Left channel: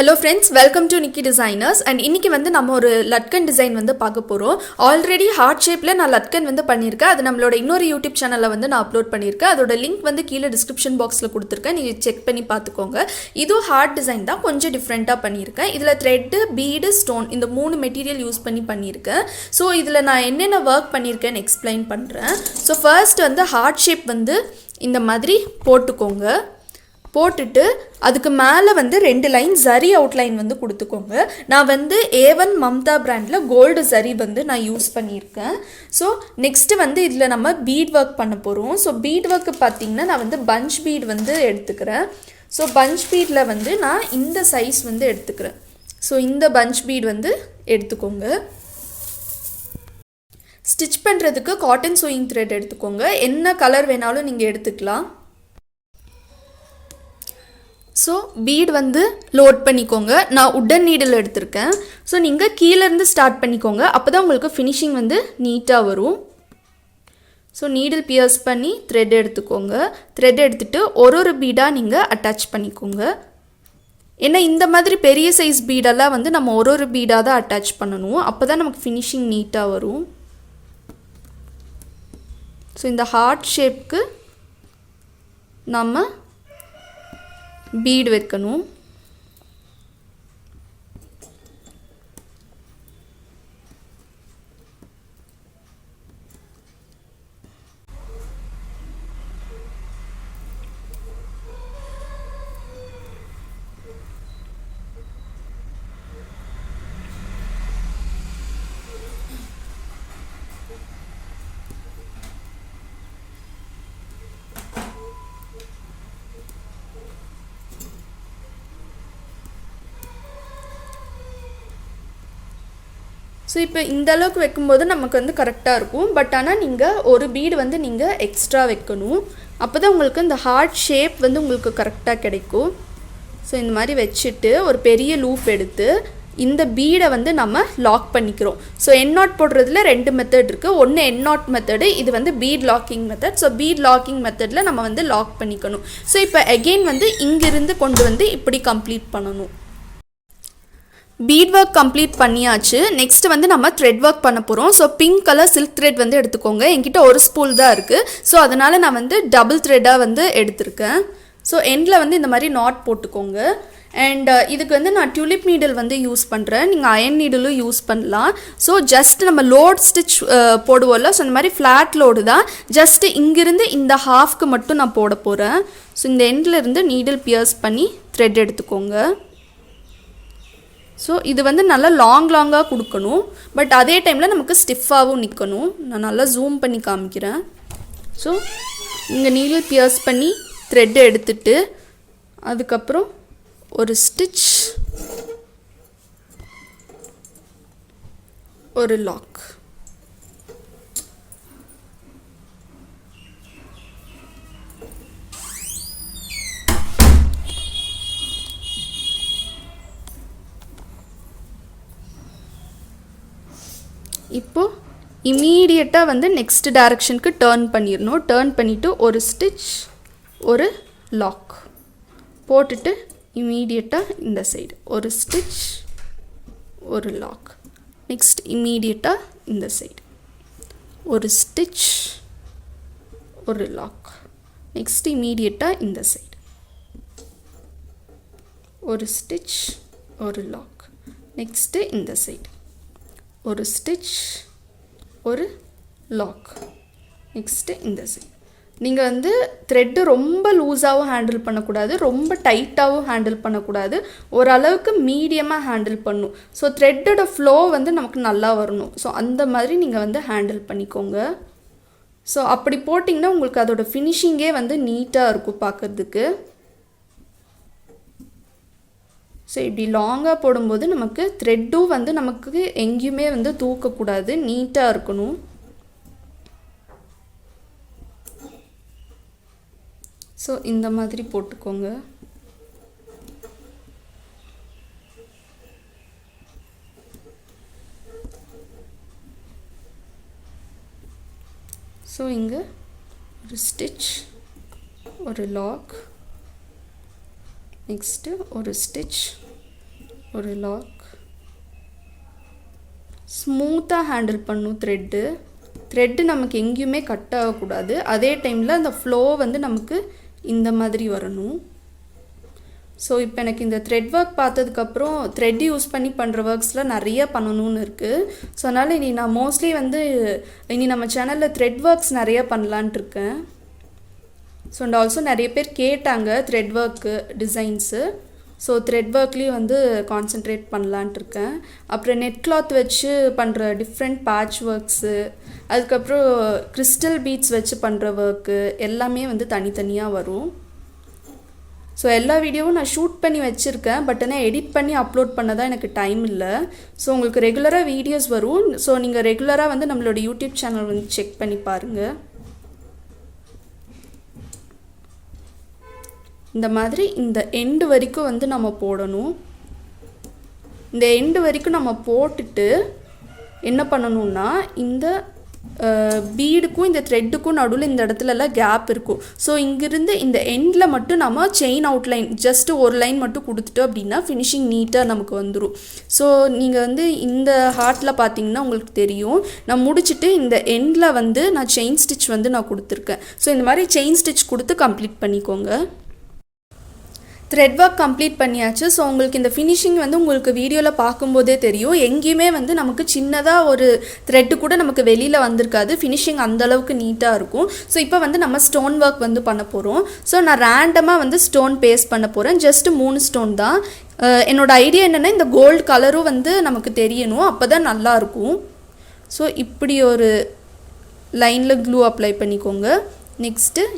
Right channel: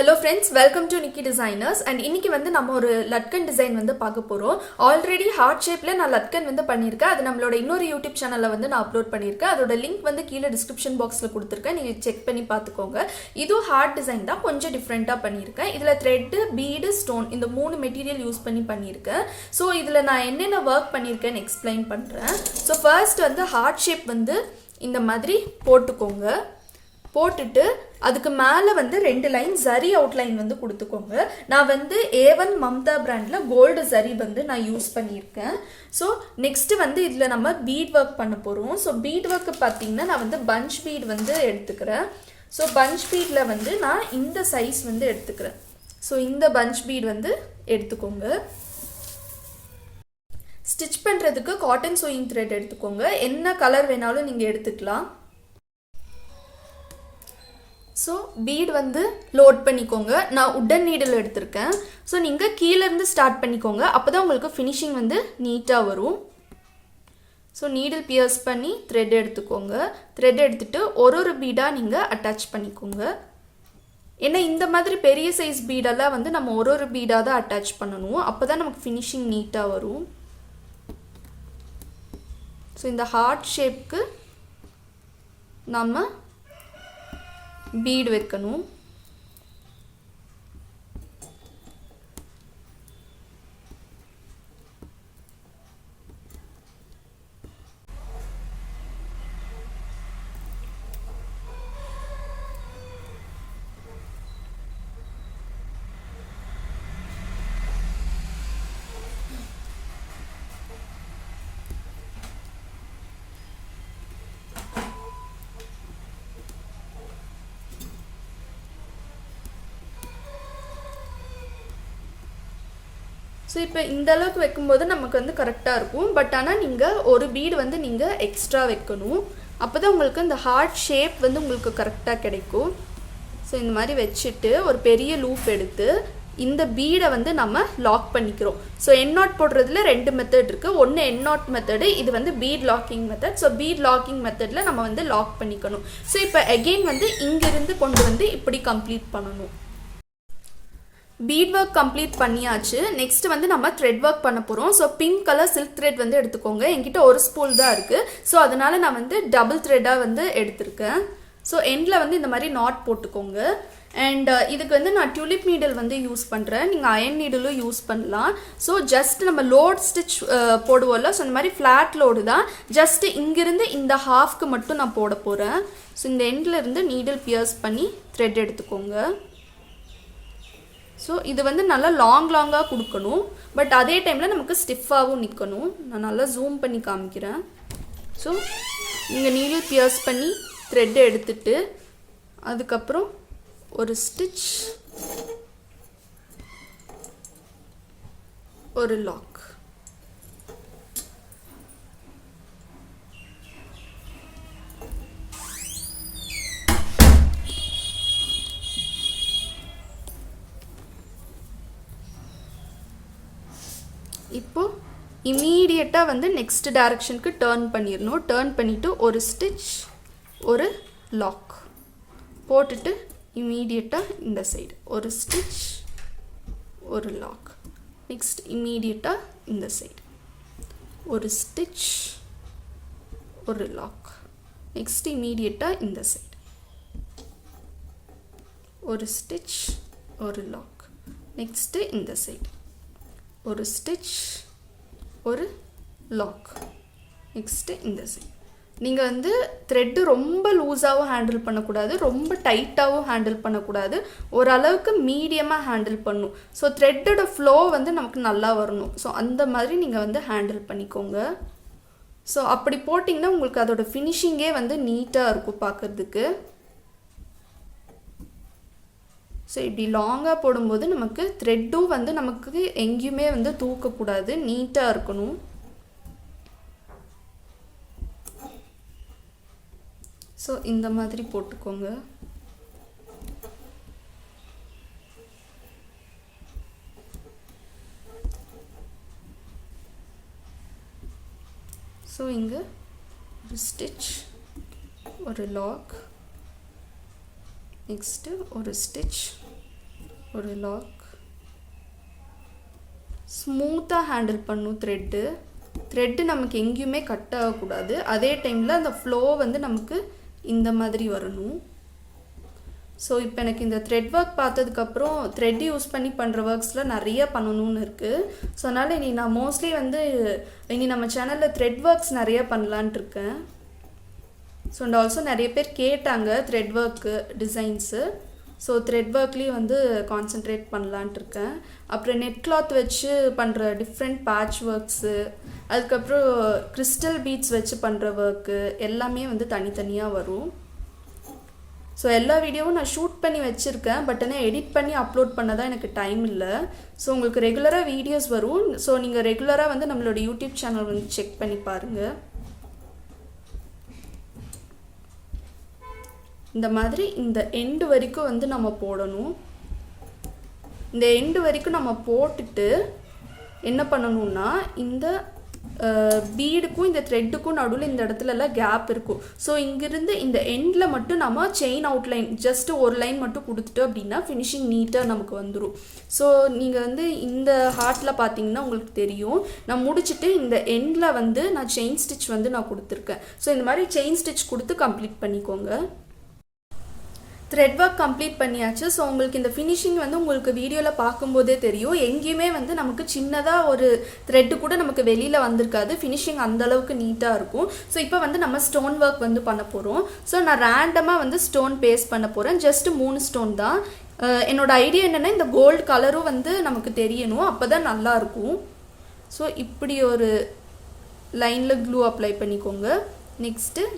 Hello friends, welcome to Nikidesigners and இன்னைக்கு வந்து நம்ம ஒரு latkan design வந்து பார்க்க போறோம். ஆல்ரெடி ஹார்ட் ஷேப்ல நான் latkan வந்து பண்ணிருக்கேன். அது நம்மளோட இன்னொரு YouTube சேனல்ல வந்து நான் அப்லோட் பண்ணிருக்கேன். அதோட லிங்க் வந்து கீழ டிஸ்கிரிப்ஷன் பாக்ஸ்ல கொடுத்திருக்கேன். நீங்க செக் பண்ணி பாத்துக்கோங்க. இது ஹார்ட் டிசைன் தான், கொஞ்சம் டிஃபரண்டா பண்ணிருக்கேன். இதுல thread, bead, stone இந்த மூணு மெட்டீரியல் யூஸ் பண்ணி பண்ணிருக்கேன். சோ இதுல நான் என்னென்ன வர்க் பண்ணிருக்கேன்னு எக்ஸ்பிளைன் பண்றேன். சோ ஃபர்ஸ்ட் வந்து ஹார்ட் ஷேப் வந்து இந்த மாதிரி போட்டுக்கோங்க. போட்டுட்டு அதுக்கு மேலே வந்து 2 லைன் ஜரி அவுட்லைன் வந்து கொடுத்துக்கோங்க. நான் வந்து A1 மம்தா பிராண்டில் கோல்டு ஜரி வந்து நான் யூஸ் பண்ணியிருக்கேன். ஸோ நெக்ஸ்ட்டு வந்து இதில் நம்ம பீட் ஒர்க் பண்ண போகிறோம். ஸோ பீட் ஒர்க்கு பார்த்திங்கன்னா நான் வந்து பஞ்ச் பீட் வந்து எடுத்துக்கிறேன். ஸோ பஞ்ச் பீடில் வந்து நான் இந்த சைஸ் வந்து எடுத்துக்கிறேன். ஸோ இந்த பஞ்ச் பீட் வந்து எடுத்துக்கோங்க. ஸ்டிச் பண்ணுறதுக்கு காட்டன் சூயிங் த்ரெட் எடுத்துக்கோங்க. என்ன கலர் வேணாலும் நீங்கள் எடுத்துக்கலாம். ஸோ பீட் வந்து லோட் பண்ணிக்கோங்க. நான் உட்டன் நீடில் எடுத்திருக்கேன். ஸோ நீங்கள் கீழேருந்து ஸ்டார்ட் பண்ணிக்கோங்க. அப்போ தான் உங்களுக்கு ஃபினிஷிங் வந்து நீட்டாக வரும். ஸோ நீடில் பியர்ஸ் பண்ணி த்ரெட் எடுத்துக்கோங்க. த்ரெட் எடுத்துகிட்டு ஒரு பீடாக நீங்கள் அட்டாச் பண்ணிக்கோங்க. ஏன்னா இந்த மாதிரி பெரிய சைஸ் பீடெல்லாம் வந்து நம்ம ஒரு பீடாக தான் அட்டாச் பண்ணணும். அப்போ தான் நமக்கு ஃபினிஷிங் நீட்டாக வரும். ஸோ இந்த ஹார்ட் ஷேப்க்கு நம்ம பீட் வைக்கணும். ஸோ இப்போ இந்த அளவுக்கு வைக்கும்போது நமக்கு வந்து கரெக்டாக இருக்கும். பட் ஆனால் நீங்கள் ஒரு பீடு வந்து நீங்கள் எக்ஸ்ட்ரா வைக்கணும். அப்போ தான் உங்களுக்கு இந்த ஹார்ட் ஷேப் வந்து உங்களுக்கு கரெக்டாக கிடைக்கும். ஸோ இந்த மாதிரி வச்சுட்டு ஒரு பெரிய லூப் எடுத்து இந்த பீடை வந்து நம்ம லாக் பண்ணிக்கிறோம். ஸோ என் நாட் போடுறதுல 2 மெத்தட் இருக்குது. ஒன்று என் நாட் மெத்தடு, இது வந்து beat locking method. So beat locking மெத்தடில் நம்ம வந்து லாக் பண்ணிக்கணும். ஸோ இப்போ அகெயின் வந்து இங்கிருந்து கொண்டு வந்து இப்படி கம்ப்ளீட் பண்ணணும். பீட் ஒர்க் கம்ப்ளீட் பண்ணியாச்சு. நெக்ஸ்ட் வந்து நம்ம த்ரெட் ஒர்க் பண்ண போகிறோம். So pink colour silk thread வந்து எடுத்துக்கோங்க. என்கிட்ட ஒரு ஸ்பூல் தான் இருக்குது. ஸோ அதனால் நான் வந்து டபுள் த்ரெட்டாக வந்து எடுத்திருக்கேன். ஸோ எண்டில் வந்து இந்த மாதிரி நாட் போட்டுக்கோங்க. அண்ட் இதுக்கு வந்து நான் டியூலிப் நீடில் வந்து யூஸ் பண்ணுறேன். நீங்கள் அயன் நீடிலும் யூஸ் பண்ணலாம். ஸோ ஜஸ்ட் நம்ம லோட் ஸ்டிச் போடுவோம்ல, ஸோ இந்த மாதிரி ஃப்ளாட் லோடு தான். ஜஸ்ட்டு இங்கிருந்து இந்த ஹாஃப்க்கு மட்டும் நான் போட போகிறேன். ஸோ இந்த எண்டில் இருந்து நீடில் பியர்ஸ் பண்ணி த்ரெட் எடுத்துக்கோங்க. ஸோ இது வந்து நல்லா லாங்காக கொடுக்கணும். பட் அதே டைமில் நமக்கு ஸ்டிஃபாகவும் நிற்கணும். நான் நல்லா ஜூம் பண்ணி காமிக்கிறேன். ஸோ இங்கே நீடில் பியர்ஸ் பண்ணி த்ரெட்டு எடுத்துட்டு அதுக்கப்புறம் ஒரு ஸ்டிச், ஒரு லாக். இப்போது இமீடியட்டாக வந்து நெக்ஸ்ட் டைரக்ஷனுக்கு டேர்ன் பண்ணிடணும். டேர்ன் பண்ணிவிட்டு ஒரு ஸ்டிச், ஒரு லாக் போட்டுட்டு இமீடியட்டாக இந்த சைடு ஒரு ஸ்டிச், ஒரு லாக். நெக்ஸ்ட் இமீடியட்டாக இந்த சைடு ஒரு ஸ்டிச், ஒரு லாக். நெக்ஸ்ட் இமீடியட்டாக இந்த சைடு ஒரு ஸ்டிச், ஒரு லாக். நெக்ஸ்ட்டு இந்த சைடு ஒரு ஸ்டிச், ஒரு லாக். நெக்ஸ்ட்டு இந்த சைடு. நீங்கள் வந்து த்ரெட்டு ரொம்ப லூஸாகவும் ஹேண்டில் பண்ணக்கூடாது, ரொம்ப டைட்டாகவும் ஹேண்டில் பண்ணக்கூடாது. ஓரளவுக்கு மீடியமாக ஹேண்டில் பண்ணணும். ஸோ த்ரெட்டோட ஃப்ளோ வந்து நமக்கு நல்லா வரணும். ஸோ அந்த மாதிரி நீங்கள் வந்து ஹேண்டில் பண்ணிக்கோங்க. ஸோ அப்படி போட்டிங்கன்னா உங்களுக்கு அதோட ஃபினிஷிங்கே வந்து நீட்டாக இருக்கும் பார்க்குறதுக்கு. ஸோ இப்படி லாங்காக போடும்போது நமக்கு த்ரெட்டும் வந்து நமக்கு எங்கேயுமே வந்து தூக்கக்கூடாது, நீட்டாக இருக்கணும். ஸோ இந்த மாதிரி போட்டுக்கோங்க. ஸோ இங்கே ஒரு ஸ்டிச், ஒரு லாக், நெக்ஸ்ட்டு ஒரு ஸ்டிச், ஒரு லாக். ஸ்மூத்தாக ஹேண்டில் பண்ணும் த்ரெட்டு நமக்கு எங்கேயுமே கட் ஆகக்கூடாது. அதே டைமில் அந்த ஃப்ளோ வந்து நமக்கு இந்த மாதிரி வரணும். ஸோ இப்போ எனக்கு இந்த த்ரெட் ஒர்க் பார்த்ததுக்கப்புறம் த்ரெட் யூஸ் பண்ணி பண்ணுற ஒர்க்ஸில் நிறைய பண்ணணும்னு இருக்குது. ஸோ அதனால் இனி நான் மோஸ்ட்லி வந்து இனி நம்ம சேனலில் த்ரெட் ஒர்க்ஸ் நிறைய பண்ணலான்ட்டு இருக்கேன். ஸோ அண்ட் ஆல்சோ நிறைய பேர் கேட்டாங்க thread work designs. So thread ஒர்க்லேயும் வந்து கான்சென்ட்ரேட் பண்ணலான்ட்டு இருக்கேன். அப்புறம் நெட் கிளாத் வச்சு பண்ணுற டிஃப்ரெண்ட் பேட்ச் ஒர்க்ஸு, அதுக்கப்புறம் கிறிஸ்டல் பீட்ஸ் வச்சு பண்ணுற ஒர்க்கு எல்லாமே வந்து தனித்தனியாக வரும். ஸோ எல்லா வீடியோவும் நான் ஷூட் பண்ணி வச்சுருக்கேன். பட் ஆனால் எடிட் பண்ணி அப்லோட் பண்ண தான் எனக்கு டைம் இல்லை. ஸோ உங்களுக்கு ரெகுலராக வீடியோஸ் வரும். ஸோ நீங்கள் ரெகுலராக வந்து நம்மளோட யூடியூப் சேனல் வந்து செக் பண்ணி பாருங்கள். இந்த மாதிரி இந்த எண்டு வரைக்கும் வந்து நம்ம போடணும். இந்த எண்டு வரைக்கும் நம்ம போட்டுட்டு என்ன பண்ணணும்னா இந்த பீடுக்கும் இந்த த்ரெட்டுக்கும் நடுவில் இந்த இடத்துலலாம் கேப் இருக்கும். ஸோ இங்கிருந்து இந்த எண்டில் மட்டும் நம்ம செயின் அவுட்லைன் ஜஸ்ட்டு ஒரு லைன் மட்டும் கொடுத்துட்டோம் அப்படின்னா ஃபினிஷிங் நீட்டாக நமக்கு வந்துடும். ஸோ நீங்கள் வந்து இந்த ஹார்ட்டில் பார்த்தீங்கன்னா உங்களுக்கு தெரியும், நான் முடிச்சுட்டு இந்த எண்டில் வந்து நான் செயின் ஸ்டிச் வந்து நான் கொடுத்துருக்கேன். ஸோ இந்த மாதிரி செயின் ஸ்டிச் கொடுத்து கம்ப்ளீட் பண்ணிக்கோங்க. த்ரெட் ஒர்க் கம்ப்ளீட் பண்ணியாச்சு. ஸோ உங்களுக்கு இந்த ஃபினிஷிங் வந்து உங்களுக்கு வீடியோவில் பார்க்கும்போதே தெரியும். எங்கேயுமே வந்து நமக்கு சின்னதாக ஒரு த்ரெட்டு கூட நமக்கு வெளியில் வந்திருக்காது. ஃபினிஷிங் அந்தளவுக்கு நீட்டாக இருக்கும். ஸோ இப்போ வந்து நம்ம ஸ்டோன் ஒர்க் வந்து பண்ண போகிறோம். ஸோ நான் ரேண்டமாக வந்து ஸ்டோன் பேஸ்ட் பண்ண போகிறேன். ஜஸ்ட்டு 3 ஸ்டோன் தான். என்னோடய ஐடியா என்னென்னா இந்த கோல்டு கலரும் வந்து நமக்கு தெரியணும், அப்போ தான் நல்லாயிருக்கும். ஸோ இப்படி ஒரு லைனில் க்ளூ அப்ளை பண்ணிக்கோங்க. நெக்ஸ்ட்டு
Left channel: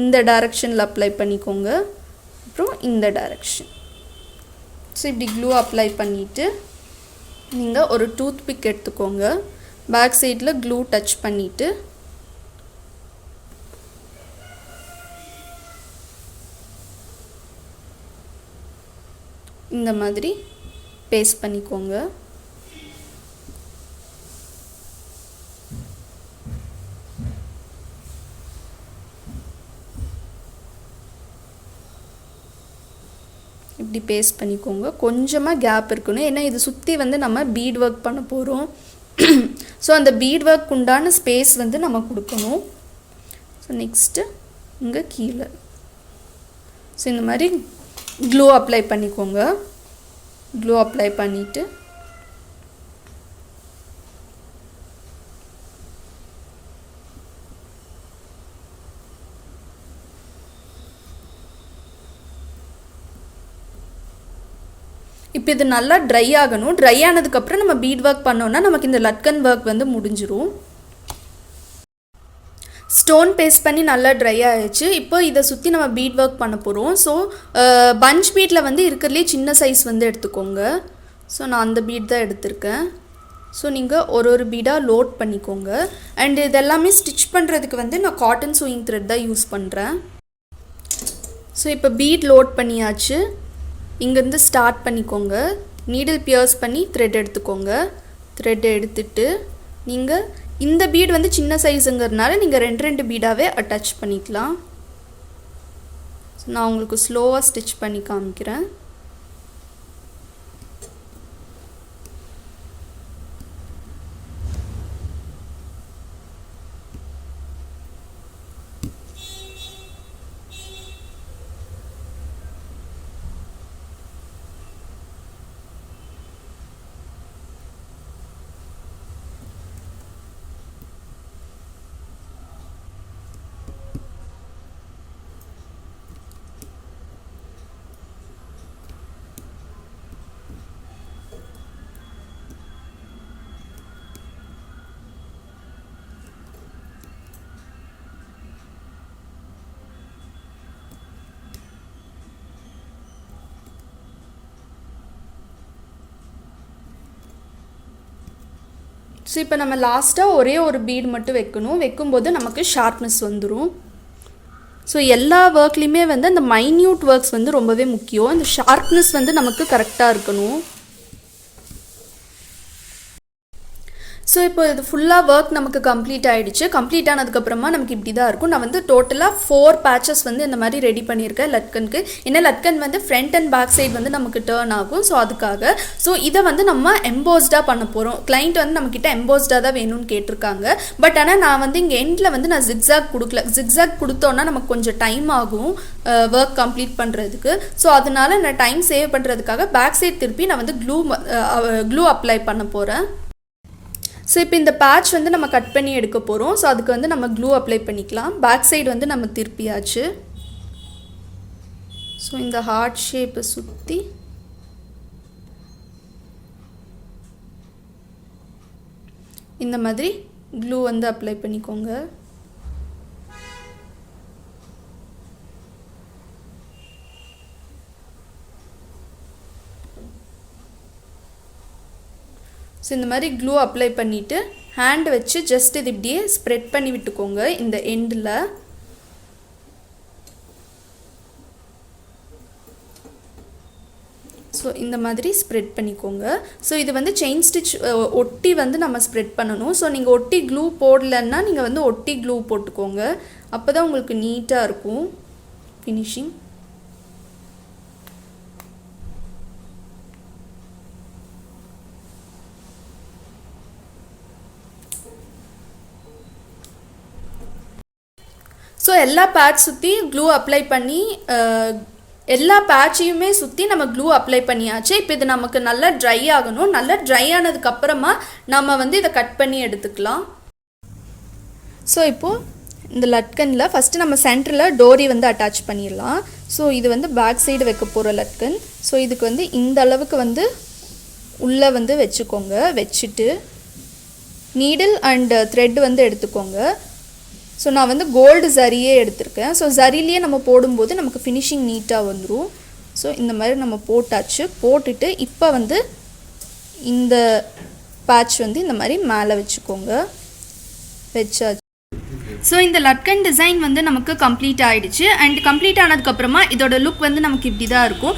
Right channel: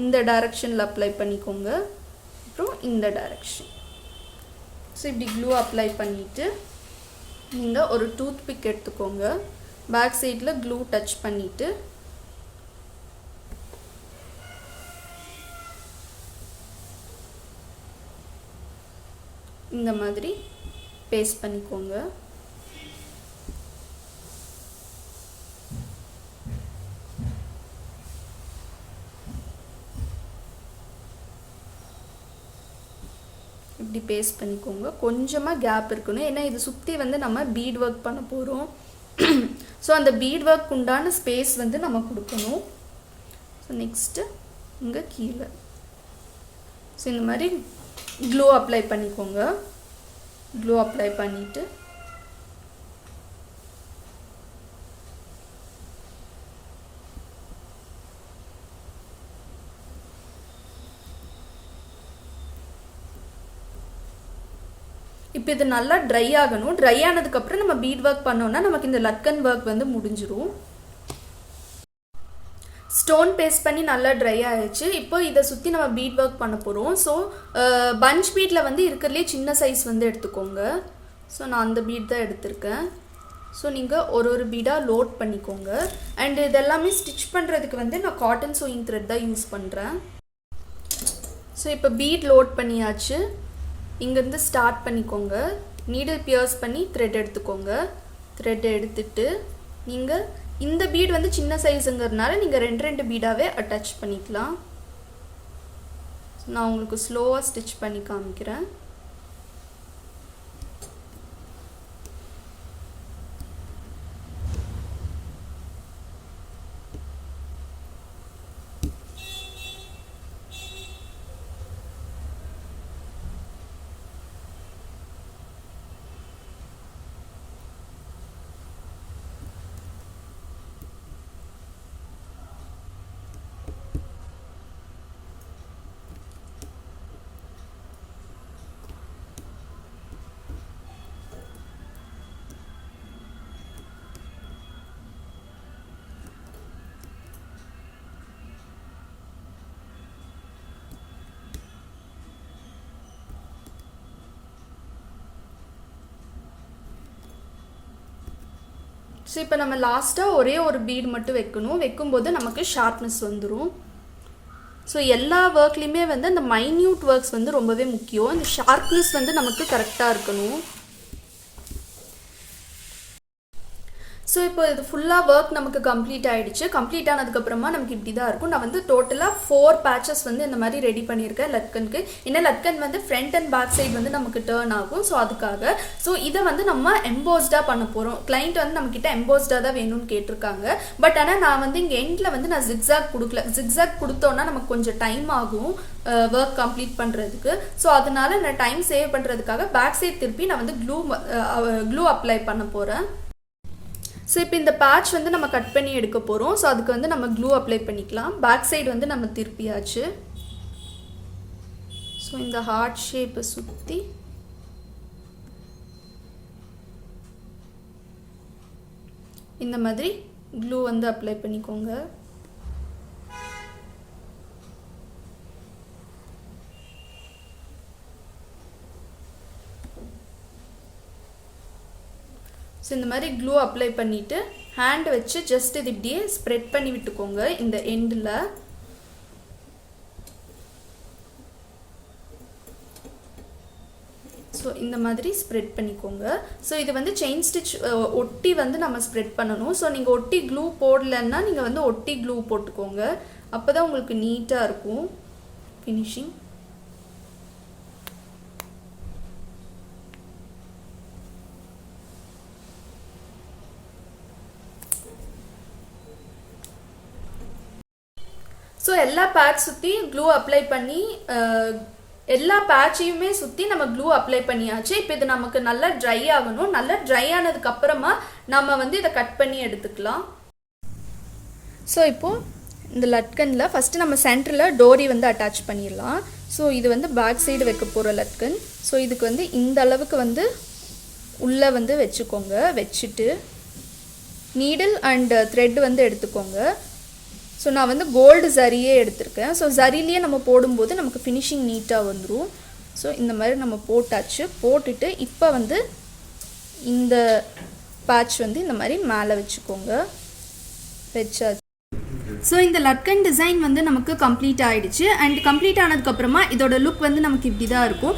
இந்த டைரக்ஷனில் அப்ளை பண்ணிக்கோங்க. அப்புறம் இந்த டைரக்ஷன். ஸோ இப்படி க்ளூ அப்ளை பண்ணிவிட்டு நீங்கள் ஒரு டூத் பிக் எடுத்துக்கோங்க. பேக் சைடில் க்ளூ டச் பண்ணிவிட்டு இந்த மாதிரி பேஸ்ட் பண்ணிக்கோங்க. இப்படி பேஸ்ட் பண்ணிக்கோங்க. கொஞ்சமாக கேப் இருக்கணும், ஏன்னா இது சுற்றி வந்து நம்ம பீட் ஒர்க் பண்ண போகிறோம். ஸோ அந்த பீட் ஒர்க் உண்டான ஸ்பேஸ் வந்து நம்ம கொடுக்கணும். ஸோ நெக்ஸ்ட்டு இங்கே கீழே ஸோ இந்த மாதிரி க்ளூ அப்ளை பண்ணிக்கோங்க. க்ளூ அப்ளை பண்ணிவிட்டு இப்போ இது நல்லா ட்ரை ஆகணும். ட்ரை ஆனதுக்கப்புறம் நம்ம பீட் ஒர்க் பண்ணோன்னா நமக்கு இந்த லட்கன் ஒர்க் வந்து முடிஞ்சிரும். ஸ்டோன் பேஸ்ட் பண்ணி நல்லா ட்ரை ஆகிடுச்சு. இப்போ இதை சுற்றி நம்ம பீட் ஒர்க் பண்ண போகிறோம். ஸோ பஞ்ச் பீட்டில் வந்து இருக்கிறதுலே சின்ன சைஸ் வந்து எடுத்துக்கோங்க. ஸோ நான் அந்த பீட் தான் எடுத்திருக்கேன். ஸோ நீங்கள் ஒரு பீடாக லோட் பண்ணிக்கோங்க. அண்ட் இதெல்லாமே ஸ்டிச் பண்ணுறதுக்கு வந்து நான் காட்டன் சூயிங் த்ரெட் தான் யூஸ் பண்ணுறேன். ஸோ இப்போ பீட் லோட் பண்ணியாச்சு. இங்கேருந்து ஸ்டார்ட் பண்ணிக்கோங்க. நீடில் பியர்ஸ் பண்ணி த்ரெட் எடுத்துக்கோங்க. த்ரெட் எடுத்துட்டு நீங்கள் இந்த பீட் வந்து சின்ன சைஸுங்கிறதுனால நீங்கள் 2 பீடாகவே அட்டாச் பண்ணிக்கலாம். நான் உங்களுக்கு ஸ்லோவாக ஸ்டிச் பண்ணி காமிக்கிறேன். ஸோ இப்போ நம்ம லாஸ்ட்டாக ஒரே ஒரு பீட் மட்டும் வைக்கணும். வைக்கும்போது நமக்கு ஷார்ப்னஸ் வந்துடும். ஸோ எல்லா ஒர்க்லேயுமே வந்து அந்த மைன்யூட் ஒர்க்ஸ் வந்து ரொம்பவே முக்கியம். இந்த ஷார்ப்னஸ் வந்து நமக்கு கரெக்டாக இருக்கணும். ஸோ இப்போ இது ஃபுல்லாக ஒர்க் நமக்கு கம்ப்ளீட் ஆகிடுச்சு. கம்ப்ளீட் ஆனதுக்கப்புறமா நமக்கு இப்படி தான் இருக்கும். நான் வந்து டோட்டலாக 4 பேட்சஸ் வந்து இந்த மாதிரி ரெடி பண்ணியிருக்கேன் லட்கனுக்கு. ஏன்னா லட்கன் வந்து ஃப்ரண்ட் அண்ட் பேக் சைடு வந்து நமக்கு டேர்ன் ஆகும். ஸோ அதுக்காக ஸோ இதை வந்து நம்ம எம்போஸ்டாக பண்ண போகிறோம். கிளைண்ட் வந்து நம்மக்கிட்ட எம்போஸ்டாக தான் வேணும்னு கேட்டிருக்காங்க. பட் ஆனால் நான் வந்து இங்கே எண்டில் வந்து நான் ஜிக்ஸாக் கொடுக்கல. ஜிக்ஸாக் கொடுத்தோன்னா நமக்கு கொஞ்சம் டைம் ஆகும் ஒர்க் கம்ப்ளீட் பண்ணுறதுக்கு. ஸோ அதனால நான் டைம் சேவ் பண்ணுறதுக்காக பேக் சைடு திருப்பி நான் வந்து க்ளூ அப்ளை பண்ண போகிறேன். ஸோ இப்போ இந்த பேட்ச் வந்து நம்ம கட் பண்ணி எடுக்க போகிறோம். ஸோ அதுக்கு வந்து நம்ம க்ளூ அப்ளை பண்ணிக்கலாம். பேக் சைடு வந்து நம்ம திருப்பியாச்சு. ஸோ இந்த ஹார்ட் ஷேப்பை சுற்றி இந்த மாதிரி க்ளூ வந்து அப்ளை பண்ணிக்கோங்க. ஸோ இந்த மாதிரி க்ளூ அப்ளை பண்ணிவிட்டு ஹேண்ட் வச்சு ஜஸ்ட் இது இப்படியே ஸ்ப்ரெட் பண்ணி விட்டுக்கோங்க இந்த எண்டில். ஸோ இந்த மாதிரி ஸ்ப்ரெட் பண்ணிக்கோங்க. ஸோ இது வந்து செயின் ஸ்டிச் ஒட்டி வந்து நம்ம ஸ்ப்ரெட் பண்ணணும். ஸோ நீங்கள் ஒட்டி க்ளூ போடலன்னா நீங்கள் வந்து ஒட்டி க்ளூ போட்டுக்கோங்க. அப்போ தான் உங்களுக்கு நீட்டாக இருக்கும் ஃபினிஷிங். ஸோ எல்லா பேட்ச் சுற்றி க்ளூ அப்ளை பண்ணி எல்லா பேட்சையுமே சுற்றி நம்ம க்ளூ அப்ளை பண்ணியாச்சு. இப்போ இது நமக்கு நல்லா ட்ரை ஆகணும். நல்லா ட்ரை ஆனதுக்கப்புறமா நம்ம வந்து இதை கட் பண்ணி எடுத்துக்கலாம். ஸோ இப்போது இந்த லட்கனில் ஃபஸ்ட்டு நம்ம சென்டரில் டோரி வந்து அட்டாச் பண்ணிடலாம். ஸோ இது வந்து பேக் சைடு வைக்க போகிற லட்கன். ஸோ இதுக்கு வந்து இந்த அளவுக்கு வந்து உள்ளே வந்து வச்சுக்கோங்க. வச்சுட்டு நீடில் அண்ட் த்ரெட் வந்து எடுத்துக்கோங்க. ஸோ நான் வந்து கோல்டு ஜரியே எடுத்திருக்கேன். ஸோ ஜரிலேயே நம்ம போடும்போது நமக்கு ஃபினிஷிங் நீட்டாக வந்துடும். ஸோ இந்த மாதிரி நம்ம போட்டாச்சு. போட்டுட்டு இப்போ வந்து இந்த பேட்ச் வந்து இந்த மாதிரி மேலே வச்சுக்கோங்க. வச்சாச்சு. ஸோ இந்த லட்கன் டிசைன் வந்து நமக்கு கம்ப்ளீட் ஆகிடுச்சு. அண்ட் கம்ப்ளீட் ஆனதுக்கப்புறமா இதோட லுக் வந்து நமக்கு இப்படி தான் இருக்கும்.